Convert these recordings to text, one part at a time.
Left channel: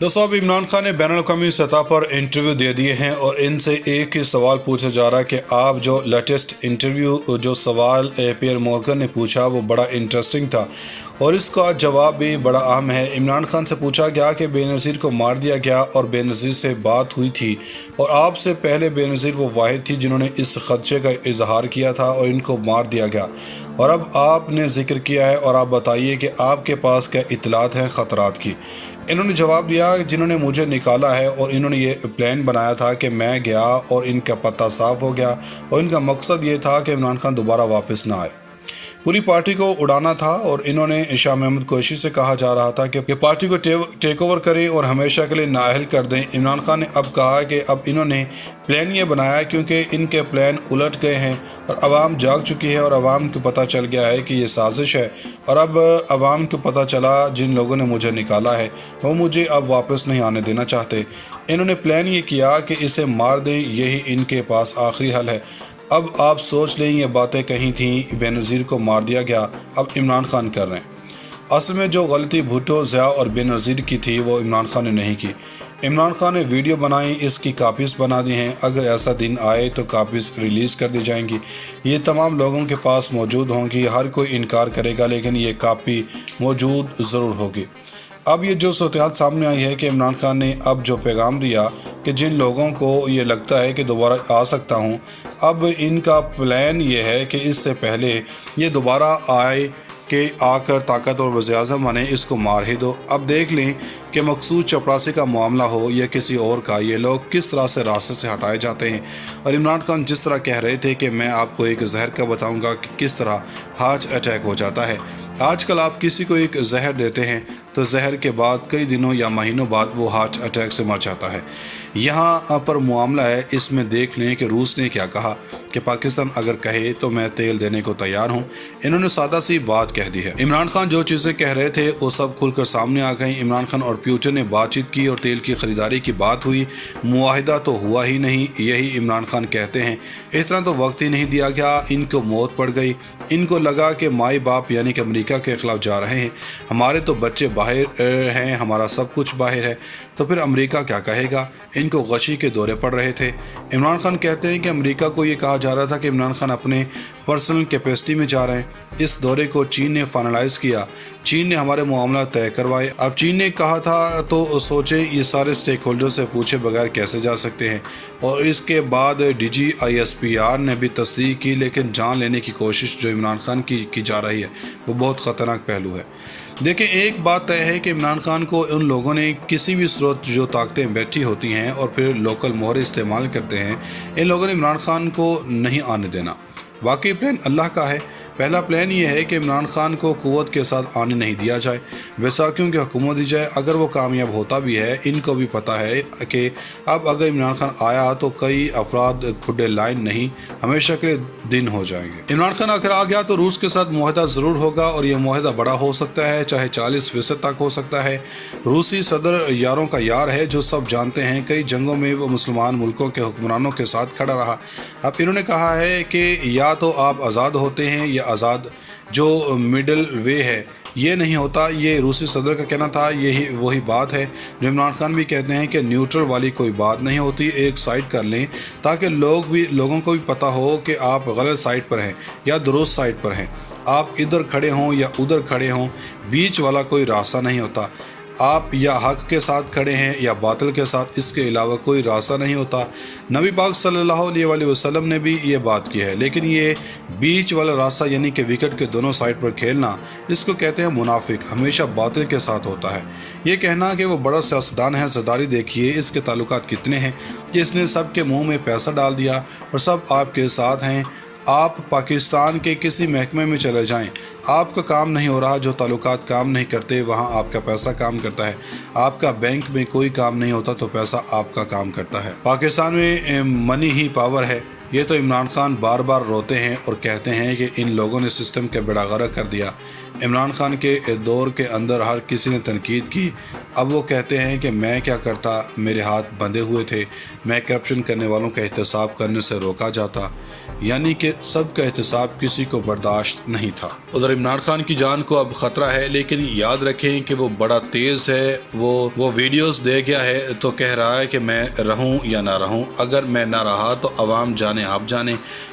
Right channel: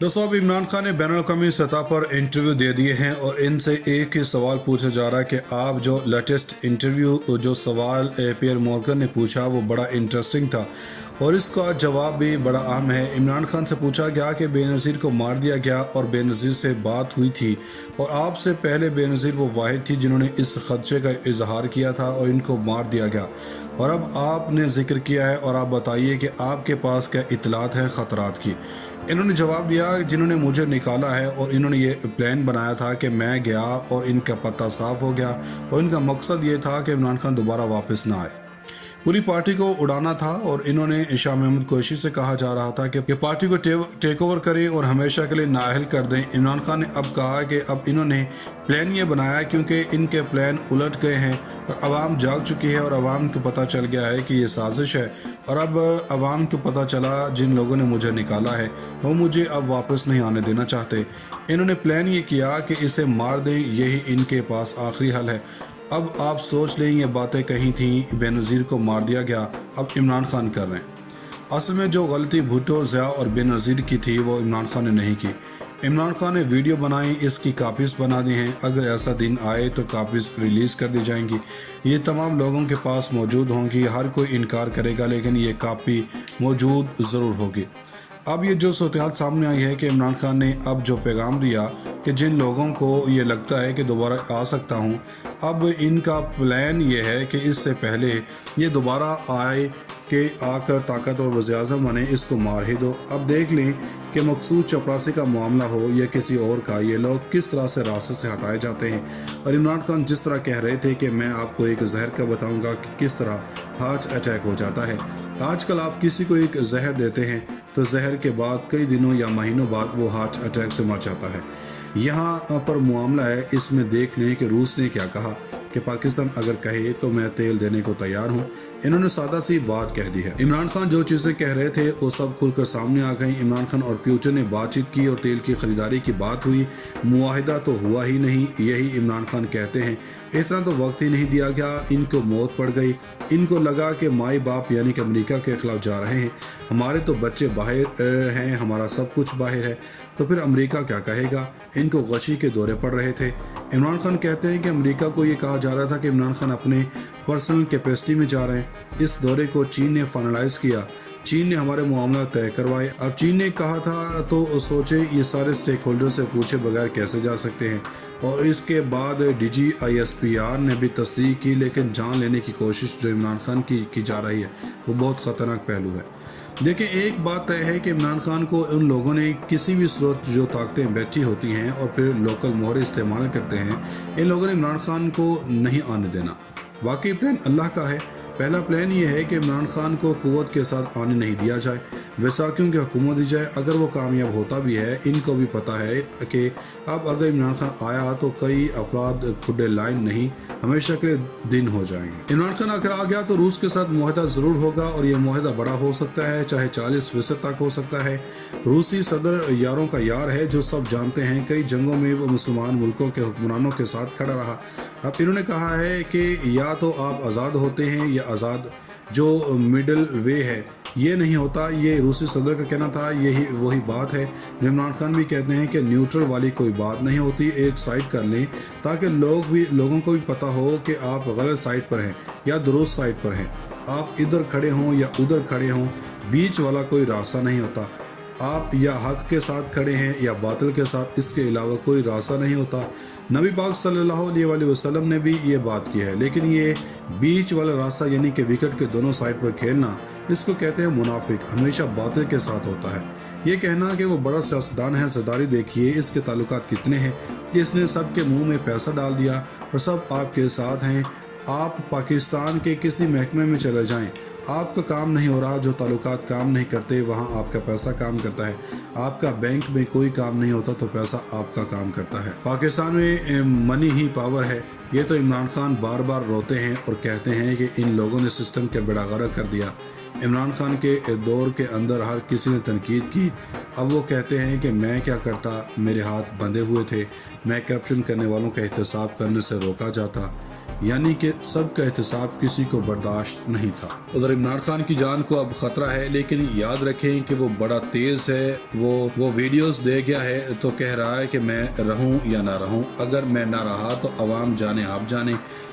दोस्तों, अब इमरान खान ने बैनुल-अक़वामी सतह पर इंटरव्यू दे दिए हैं और इनसे एक ही सवाल पूछा जा रहा है कि आप जो लेटेस्ट इंटरव्यू जो सवाल पियर मॉर्गन ने पूछा वो बड़ा इंटरेस्टिंग था और इसका जवाब भी बड़ा अहम है। इमरान खान से पूछा गया कि बेनज़ीर को मार दिया गया और बेनज़ीर से बात हुई थी और आपसे पहले बेनज़ीर वो वाहिद थी जिन्होंने इस खदशे का इजहार किया था और इनको मार दिया गया और अब आपने जिक्र किया है और आप बताइए कि आपके पास क्या इतलात हैं ख़तरात की। इन्होंने जवाब दिया जिन्होंने मुझे निकाला है और इन्होंने ये प्लान बनाया था कि मैं गया और इनका पता साफ़ हो गया और इनका मकसद ये था कि इमरान खान दोबारा वापस ना आए, पूरी पार्टी को उड़ाना था और इन्होंने शाह महमूद कुरैशी से कहा जा रहा था कि पार्टी को टेक ओवर करें और हमेशा के लिए नाअहल कर दें। इमरान खान ने अब कहा कि अब इन्होंने प्लान ये बनाया क्योंकि इनके प्लान उलट गए हैं और आवाम जाग चुकी है और आवाम को पता चल गया है कि ये साजिश है और अब आवाम को पता चला जिन लोगों ने मुझे निकाला है वो मुझे अब वापस नहीं आने देना चाहते। इन्होंने प्लान ये किया कि इसे मार दें, यही इनके पास आखिरी हल है। अब आप सोच लें ये बातें कही थी, बेनज़ीर को मार दिया गया, अब इमरान खान कर रहे हैं। असल में जो गलती भुट्टो, ज़िया और बेनज़ीर की थी वो इमरान खान ने नहीं की। इमरान खान ने वीडियो बनाई, इसकी कापीज़ बना दी हैं, अगर ऐसा दिन आए तो कापीज़ रिलीज़ कर दी जाएंगी। ये तमाम लोगों के पास मौजूद होंगी, हर कोई इनकार करेगा लेकिन ये कापी मौजूद ज़रूर होगी। अब ये जो सूरत सामने आई है कि इमरान खान ने अब जो पैगाम दिया कि जिन लोगों को ये लगता है कि दोबारा आ सकता हूँ, अब इनका प्लान ये है कि इससे पहले ये दोबारा आए कि आकर ताकत और वज़ीर-ए-आज़म बने, इसको मार ही दो। अब देख लें कि मकसूद चपरासी का मामला हो या किसी और का, ये लोग किस तरह से रास्ते से हटाए जाते हैं। और इमरान खान जिस तरह कह रहे थे कि मैं आपको एक जहर का बताऊंगा कि किस तरह हार्ट अटैक हो जाता है। आजकल आप किसी को एक जहर देते हैं तो जहर के बाद कई दिनों या महीनों बाद वो हार्ट अटैक से मर जाता है। यहाँ पर मामला है, इसमें देख लें कि रूस ने क्या कहा कि पाकिस्तान अगर कहे तो मैं तेल देने को तैयार हूँ। इन्होंने सादा सी बात कह दी है। इमरान खान जो चीज़ें कह रहे थे वो सब खुलकर सामने आ गई। इमरान खान और पुतिन ने बातचीत की और तेल की ख़रीदारी की बात हुई, मुआहिदा तो हुआ ही नहीं, यही इमरान खान कहते हैं। इतना तो वक्त ही नहीं दिया गया, इनको मौत पड़ गई। इनको लगा कि माई बाप यानी कि अमेरिका के ख़िलाफ़ जा रहे हैं, हमारे तो बच्चे बाहर हैं, हमारा सब कुछ बाहर है, तो फिर अमेरिका क्या कहेगा। इनको गशी के दौरे पड़ रहे थे। इमरान खान कहते हैं कि अमेरिका को ये कहा जा रहा था कि इमरान खान अपने पर्सनल कैपेसिटी में जा रहे हैं। इस दौरे को चीन ने फाइनलाइज किया, चीन ने हमारे मामला तय करवाए। अब चीन ने कहा था तो सोचें ये सारे स्टेक होल्डर से पूछे बगैर कैसे जा सकते हैं। और इसके बाद DGISPR ने भी तस्दीक की, लेकिन जान लेने की कोशिश जो इमरान खान की जा रही है वो बहुत ख़तरनाक पहलू है। देखिए, एक बात तय है कि इमरान खान को उन लोगों ने किसी भी स्रोत जो ताकतें बैठी होती हैं और फिर लोकल मोहर इस्तेमाल करते हैं, इन लोगों ने इमरान खान को नहीं आने देना। वाकई प्लान अल्लाह का है। पहला प्लान ये है कि इमरान खान को कुव्वत के साथ आने नहीं दिया जाए, बैसाखियों की हुकूमत दी जाए। अगर वो कामयाब होता भी है, इनको भी पता है कि अब अगर इमरान खान आया तो कई अफराद खुडे लाइन नहीं, हमेशा के दिन हो जाएंगे। इमरान खान अगर आ गया तो रूस के साथ मुआहदा ज़रूर होगा और ये मुआहदा बड़ा हो सकता है, चाहे 40% तक हो सकता है। रूसी सदर यारों का यार है, जो सब जानते हैं। कई जंगों में वो मुसलमान मुल्कों के हुक्मरानों के साथ खड़ा रहा। अब इन्होंने कहा है कि या तो आप आज़ाद होते हैं या आज़ाद, जो मिडल वे है ये नहीं होता। ये रूसी सदर का कहना था, यही वही बात है जो इमरान खान भी कहते हैं कि न्यूट्रल वाली कोई बात नहीं होती, एक साइड कर लें ताकि लोगों को भी पता हो कि आप गलत साइड पर हैं या दुरुस्त साइड पर हैं। आप इधर खड़े हों या उधर खड़े हों, बीच वाला कोई रास्ता नहीं होता। आप या हक के साथ खड़े हैं या बातिल के साथ, इसके अलावा कोई रास्ता नहीं होता। नबी पाक सल्लल्लाहु अलैहि वसल्लम ने भी ये बात की है। लेकिन ये बीच वाला रास्ता यानी कि विकेट के दोनों साइड पर खेलना, इसको कहते हैं मुनाफिक, हमेशा बातिल के साथ होता है। ये कहना कि वो बड़ा सियासतदान है, ज़रदारी देखिए इसके ताल्लुकात कितने हैं, इसने सब के मुँह में पैसा डाल दिया और सब आपके साथ हैं। आप पाकिस्तान के किसी महकमे में चले जाएं, आपका काम नहीं हो रहा, जो ताल्लुकात काम नहीं करते वहाँ आपका पैसा काम करता है। आपका बैंक में कोई काम नहीं होता तो पैसा आपका काम करता है। पाकिस्तान में मनी ही पावर है। ये तो इमरान खान बार बार रोते हैं और कहते हैं कि इन लोगों ने सिस्टम के बेड़ा गर्क कर दिया। عمران خان کے دور کے اندر ہر کسی نے تنقید کی، اب وہ کہتے ہیں کہ میں کیا کرتا، میرے ہاتھ بندھے ہوئے تھے، میں کرپشن کرنے والوں کا احتساب کرنے سے روکا جاتا، یعنی کہ سب کا احتساب کسی کو برداشت نہیں تھا۔ ادھر عمران خان کی جان کو اب خطرہ ہے، لیکن یاد رکھیں کہ وہ بڑا تیز ہے، وہ ویڈیوز دے گیا ہے تو کہہ رہا ہے کہ میں رہوں یا نہ رہوں، اگر میں نہ رہا تو عوام جانے آپ جانے۔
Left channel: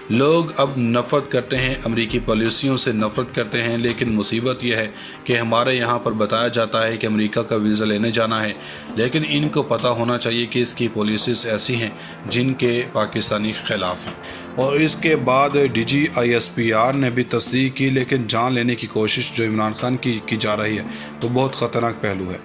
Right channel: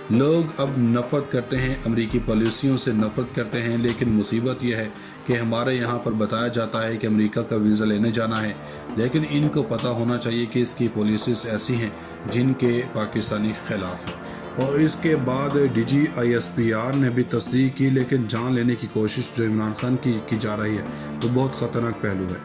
لوگ اب نفرت کرتے ہیں، امریکی پالیسیوں سے نفرت کرتے ہیں، لیکن مصیبت یہ ہے کہ ہمارے یہاں پر بتایا جاتا ہے کہ امریکہ کا ویزا لینے جانا ہے، لیکن ان کو پتہ ہونا چاہیے کہ اس کی پالیسیز ایسی ہیں جن کے پاکستانی خلاف ہیں۔ اور اس کے بعد ڈی جی ISPR نے بھی تصدیق کی، لیکن جان لینے کی کوشش جو عمران خان کی جا رہی ہے تو بہت خطرناک پہلو ہے۔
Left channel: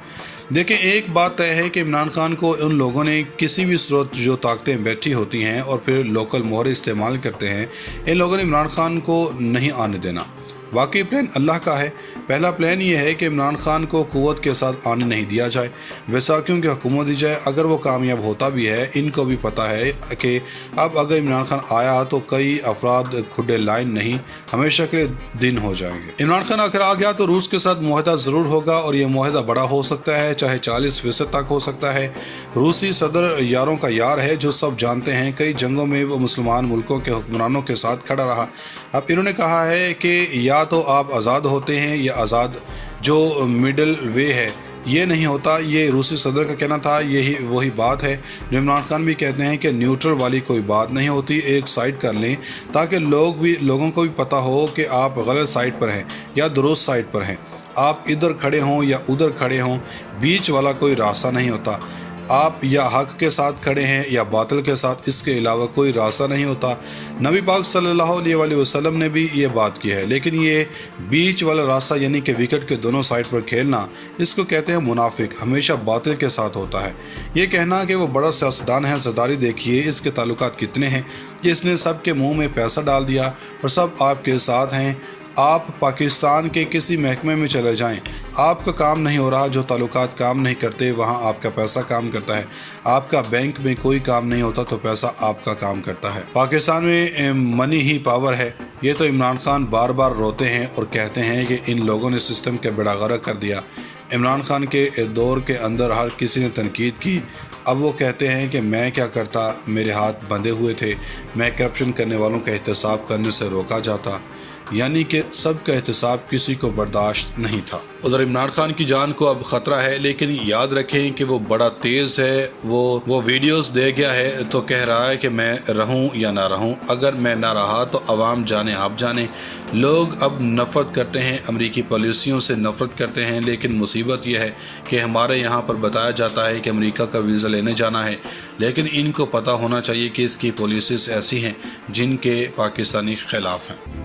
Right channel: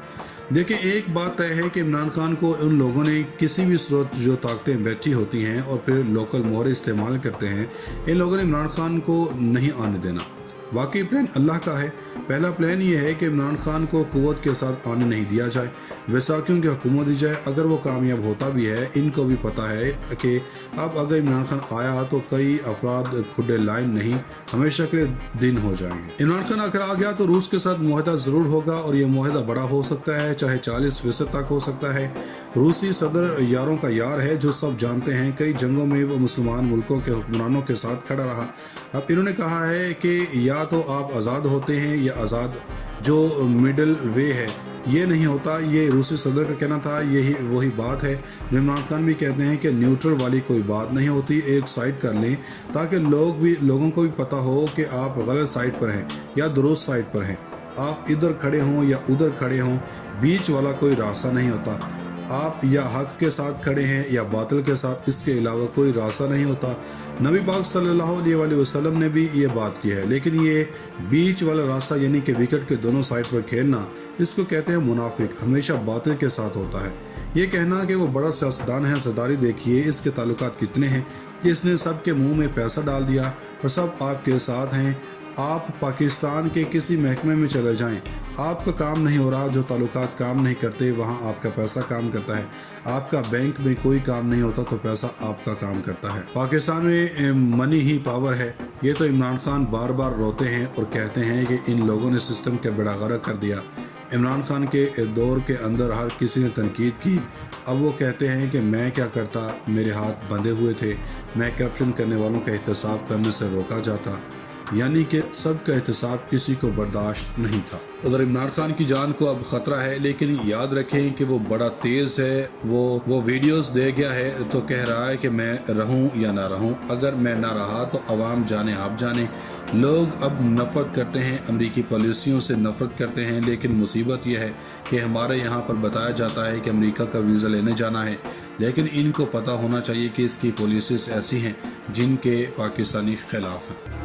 دیکھیں، ایک بات طے ہے کہ عمران خان کو ان لوگوں نے کسی بھی صورت جو طاقتیں بیٹھی ہوتی ہیں اور پھر لوکل مہر استعمال کرتے ہیں، ان لوگوں نے عمران خان کو نہیں آنے دینا۔ واقعی پلان اللہ کا ہے۔ پہلا پلان یہ ہے کہ عمران خان کو قوت کے ساتھ آنے نہیں دیا جائے، بیساکھیوں کی حکومت دی جائے۔ اگر وہ کامیاب ہوتا بھی ہے، ان کو بھی پتہ ہے کہ اب اگر عمران خان آیا تو کئی افراد کھڈے لائن نہیں، ہمیشہ کے لیے دن ہو جائیں گے۔ عمران خان اگر آ گیا تو روس کے ساتھ معاہدہ ضرور ہوگا، اور یہ معاہدہ بڑا ہو سکتا ہے، چاہے 40% تک ہو سکتا ہے۔ روسی صدر یاروں کا یار ہے، جو سب جانتے ہیں، کئی جنگوں میں وہ مسلمان ملکوں کے حکمرانوں کے ساتھ کھڑا رہا۔ اب انہوں نے کہا ہے کہ یا تو آپ آزاد ہوتے ہیں یا آزاد، جو مڈل وے ہے یہ نہیں ہوتا۔ یہ روسی صدر کا کہنا تھا، یہی وہی بات ہے جو عمران خان بھی کہتے ہیں کہ نیوٹرل والی کوئی بات نہیں ہوتی، ایک سائڈ کر لیں تاکہ لوگوں کو بھی پتہ ہو کہ آپ غلط سائڈ پر ہیں یا درست سائڈ پر ہیں۔ آپ ادھر کھڑے ہوں یا ادھر کھڑے ہوں، بیچ والا کوئی راستہ نہیں ہوتا۔ آپ یا حق کے ساتھ کھڑے ہیں یا باطل کے ساتھ، اس کے علاوہ کوئی راستہ نہیں ہوتا۔ نبی پاک صلی اللہ علیہ وآلہ وسلم نے بھی یہ بات کی ہے، لیکن یہ بیچ والا راستہ یعنی کہ وکٹ کے دونوں سائڈ پر کھیلنا، اس کو کہتے ہیں منافق، ہمیشہ باطل کے ساتھ ہوتا ہے۔ یہ کہنا کہ وہ بڑا سیاستدان ہے، زرداری دیکھیے اس کے تعلقات کتنے ہیں، اس نے سب کے منہ میں پیسہ ڈال دیا اور سب آپ کے ساتھ ہیں۔ آپ پاکستان کے کسی محکمے میں چلے جائیں، آپ کا کام نہیں ہو رہا، جو تعلقات کام نہیں کرتے وہاں آپ کا پیسہ کام کرتا ہے۔ آپ کا بینک میں کوئی کام نہیں ہوتا تو پیسہ آپ کا کام کرتا ہے۔ پاکستان میں منی ہی پاور ہے۔ یہ تو عمران خان بار بار روتے ہیں اور کہتے ہیں کہ ان لوگوں نے سسٹم کے بیڑا غرق کر دیا۔ عمران خان کے دور کے اندر ہر کسی نے تنقید کی، اب وہ کہتے ہیں کہ میں کیا کرتا، میرے ہاتھ بندھے ہوئے تھے، میں کرپشن کرنے والوں کا احتساب کرنے سے روکا جاتا، یعنی کہ سب کا احتساب کسی کو برداشت نہیں تھا۔ ادھر عمران خان کی جان کو اب خطرہ ہے، لیکن یاد رکھیں کہ وہ بڑا تیز ہے، وہ ویڈیوز دے گیا ہے تو کہہ رہا ہے کہ میں رہوں یا نہ رہوں، اگر میں نہ رہا تو عوام جانے آپ جانے۔ لوگ اب نفرت کرتے ہیں، امریکی پالیسیوں سے نفرت کرتے ہیں، لیکن مصیبت یہ ہے کہ ہمارے یہاں پر بتایا جاتا ہے کہ امریکہ کا ویزا لینے جانا ہے، لیکن ان کو پتہ ہونا چاہیے کہ اس کی پالیسیز ایسی ہیں جن کے پاکستانی خلاف ہیں۔